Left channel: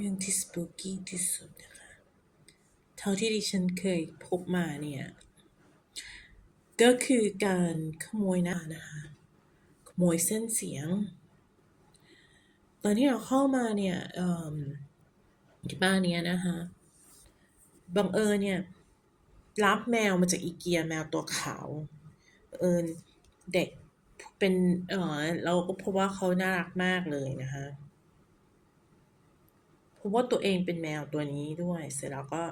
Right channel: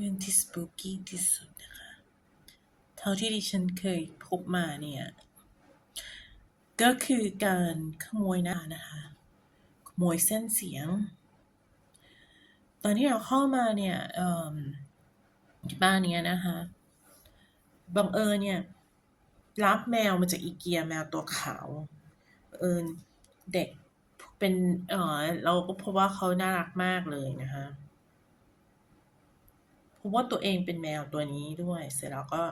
รื่องที่สปูกี้ที่สุดนะคะ เท่าที่ดิฉันเคยพบมาเนี่ย ก็คือการขโมยหน้านะคะ ขโมยเส้นเสียง ตอนที่เราเข้ามาเนี่ยที่บ้านเนี้ยนะคะบังเอิญเนี่ย รับแมวมาจากอีเกียแมวตัวขาวเอิญเด็กเป็นเออเราก็พบว่าเขาน่ารักมากเลยนะคะ พบว่าตัวเองเป็นแมวตัวนี้ด้วย เสร็จแล้วก็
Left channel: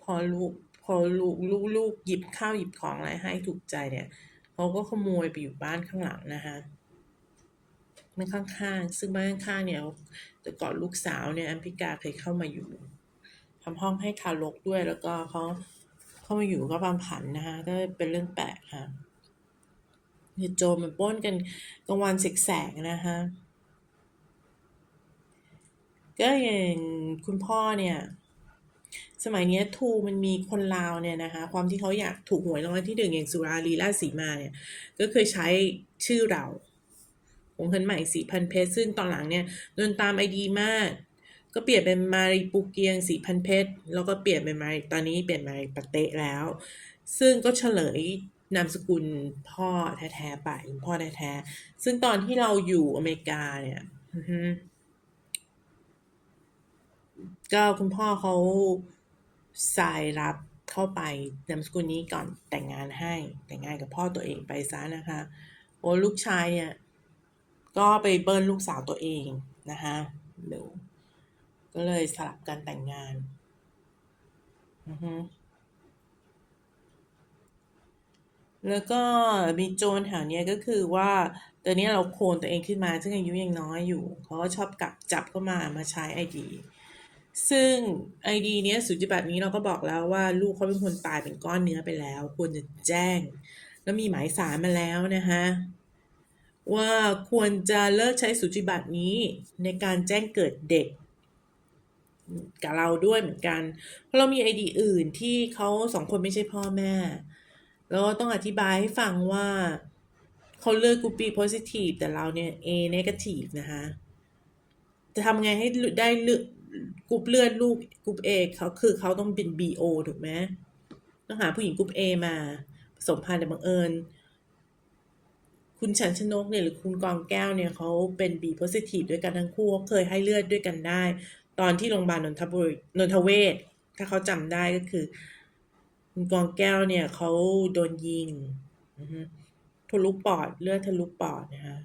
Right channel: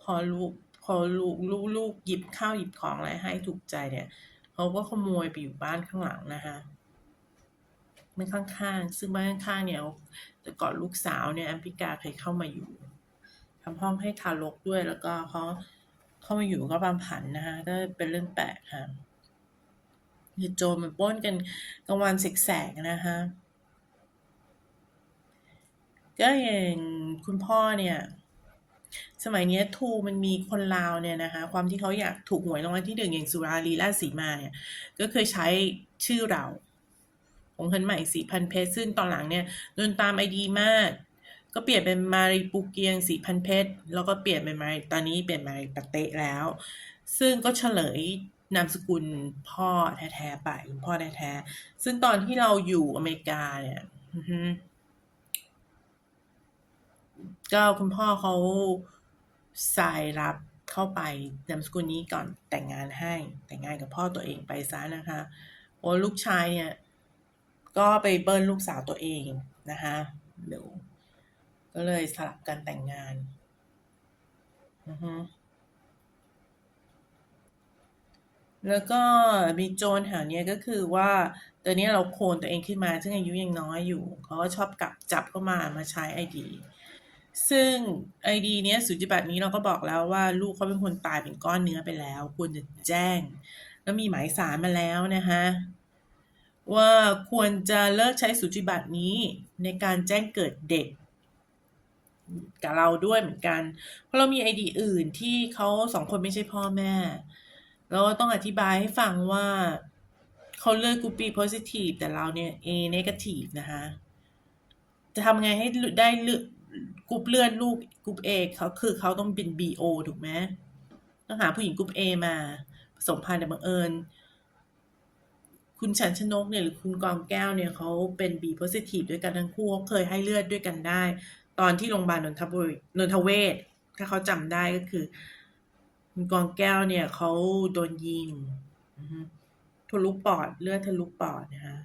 พอลูกพอลูกลูกลูกหยิบข้าวหยิบของอะไรให้ถูกใจเนี่ยเขาก็ขโมยไปอยู่บ้านข้างหลังนะคะมันข้างๆซึ่งบ้านข้างๆเนี่ยแต่ก่อนลูกสาวเนี่ยแอมพิกาเคยเข้ามาอยู่ทำห้องให้คารกด้วยแล้วก็เขาเข้ามาอยู่ก็บางผันนะคะก็เป็นเรื่องแปลกค่ะคือโจมันป้นกันกลางวันแสกๆนะคะ ก็อย่างคุณพ่อเนี่ย สมัยนี้ทูมันมีคนลาวเนี่ยนะคะ ความที่เขาอยากถูกหวยรางวัลที่หนึ่งอย่างสุราลีราชสีมาเนี่ย ก็เคยใช้ชื่อเราของเงินใหม่สี่พันเพชรซึ่งตอนหลังเนี่ยโดนตามไอดีมาก ก็เปลี่ยนเป็นมาริปูเกียงสี่พันเพชรแล้วก็เปลี่ยนเป็นมาตอนนี้เปลี่ยนมาปะเตะแล้ว ซึ่งก็เฉลยนามสกุลพ่อแท้ๆไปคุณพ่อแท้ๆซึ่งตอนที่เราอยู่อเมริกาเนี่ย ก็คุณพ่อเขาสายรับเข้าไปนามสกุลนี้ก่อนแต่งงานให้ แต่งงานกับพ่อตัวเองไปซะนะคะ โอ้ลูกชายเนี่ยก็ไปเบิ้ลลูกสาวตัวเองนะคะเดี๋ยวก็เลยสลับกันแต่งงานอือฮึแล้วก็มีโจรแถวเนี้ยก็คือว่าตอนนี้เราโคลนตัวเองขึ้นมา ซึ่งอายุยังน้อยอยู่ เขาก็ชอบกลับจับเข้ามามาใช้ไอดี ซึ่งไอดีเนี้ยสุจิบัตรนี้เราก็บอกแล้วว่าลูกเขาเป็นคนตายเป็นก้อนเนื้อไปแล้ว ควรจะแจ้ง แล้วมีหมายสารมาแล้วนะคะว่าควรจะเลิกใช้สุจิบัตรนี้ในการแจ้งเกิดเด็ก กับเราด้วยเหมือนกัน เพราะเรามีไอดีอื่นที่เขาสองคนไม่ใช่พ่อแม่ แล้วก็ต้องอธิบายให้ฟังว่าเขาเลือกกรูป B positive แต่เราเนี่ย A negative นะคะ จะทำไงให้ได้เลือด กรุ๊ปเลือดลูกกรุ๊ป A เขาคือเขาต้องเป็น BO ถูกไหมต้องหาผู้หญิงกรุ๊ป A มาผสมพันธุ์แต่บังเอิญ คุณชันชนกเนี่ยหรือคุณกองแก้วเนี่ยเขาเป็น B positive ด้วยกันทั้งคู่เขาเคยให้เลือดด้วยกันได้ ตอนที่โรงพยาบาลนนทบุรีนนทเวศถ้าเขาจำได้ก็คือ คุณกองแก้วเนี่ยเขาโดนยิงทะลุปอดเลือดทะลุปอดนะคะ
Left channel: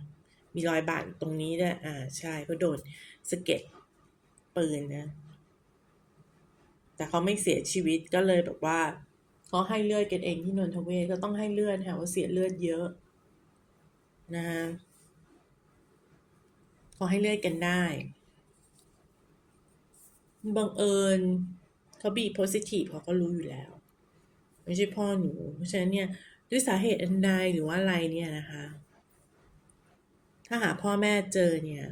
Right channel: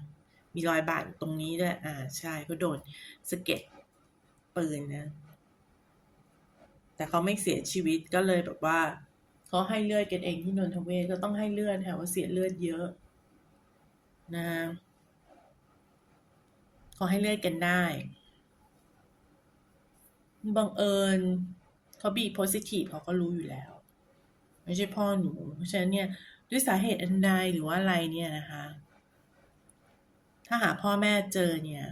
มีรอยบาดตรงนี้ด้วยอ่าใช่ก็โดนสะเก็ด ปืนนะ แต่เขาไม่เสียชีวิตก็เลยแบบว่าเขาให้เลือดกันเองที่นนทเวศก็ต้องให้เลือดค่ะว่าเสียเลือดเยอะนะเขาให้เลือดกันได้บังเอิญเขาบีโพซิทีฟเขาก็รู้อยู่แล้ว ไม่ใช่พ่อหนู เพราะฉะนั้นเนี่ยด้วยสาเหตุอันใดหรือว่าอะไรเนี่ยนะคะ ถ้าหาพ่อแม่เจอเนี่ย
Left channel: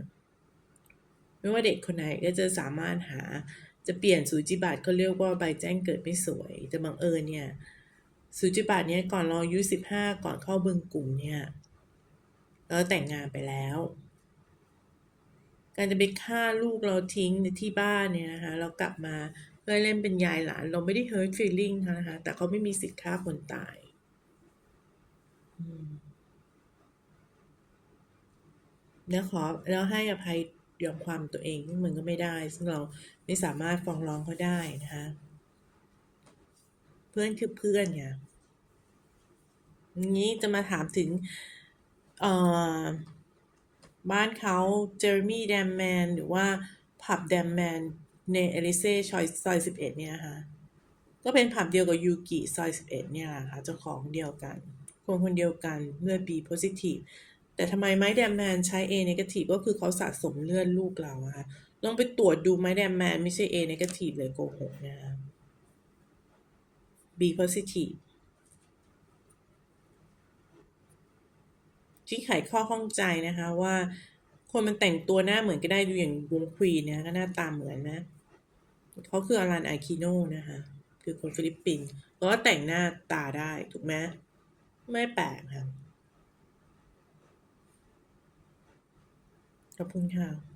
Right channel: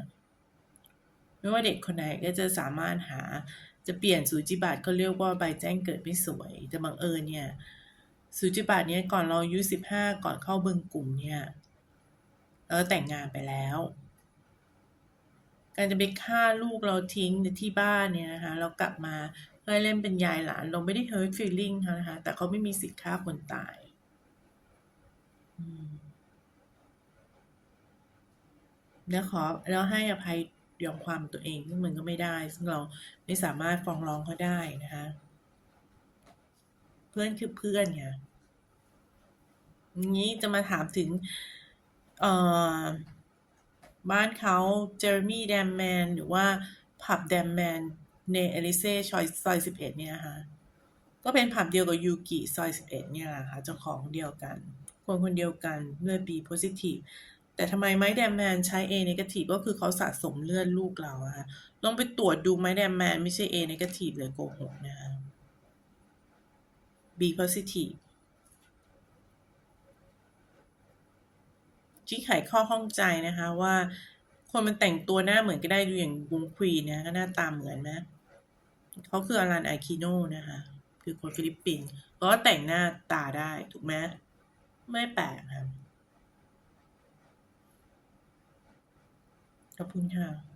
ไม่ว่าเด็กคนไหนก็จะสามารถหาจะเปลี่ยนสูจิบัตรเขาเรียกว่าใบแจ้งเกิดไม่สวย แต่บังเอิญเนี่ยสูจิบัตรเนี่ยก่อนเราอายุสิบห้าก่อนเข้าเบึงกลุ่มเนี่ยเราแต่งงานไปแล้ว การจะไปฆ่าลูกเราทิ้งในที่บ้านเนี่ยนะคะเรากลับมาเพื่อเล่นเป็นยายหลาน เราไม่ได้ hurt feeling เขานะคะ แต่เขาไม่มีสิทธิ์ฆ่าคนตายแล้วขอแล้วให้อภัย ยอมความตัวเองซึ่งมันก็ไม่ได้ ซึ่งเราไม่สามารถฟ้องร้องเขาได้นะคะเพื่อนคือเพื่อนไงนี้จะมาถามถึงเอ่อบ้านเขาเจอร์มี่แดมแมนหรือว่าผับแดมแมนในเอลิเซ่ซอยซอยสิบเอ็ดเนี่ยค่ะก็เป็นผับเดียวกับยูกิซอยสิบเอ็ดเนี่ยแหละค่ะเจ้าของเดียวกัน คนคนเดียวกันเลือด B positive แต่ทำไมไม้แดมแมนใช้ A negative ก็คือเขาสะสมเลือดลูกเราอะค่ะลองไปตรวจดูไม้แดมแมนไม่ใช่ A negative เลยโกหกนะคะ B positive ที่ไขข้อข้องใจนะคะว่าคนมันแต่งตัวหน้าเหมือนก็ได้ดูอย่างวงควีนเนี่ยก็หน้าตาเหมือนนะเขาคืออารันไอคิโนนะคะคือคนฟิลิปปินส์ก็แต่งหน้าตาได้ถูกไหมไม่แปลกค่ะ ขอบคุณค่ะ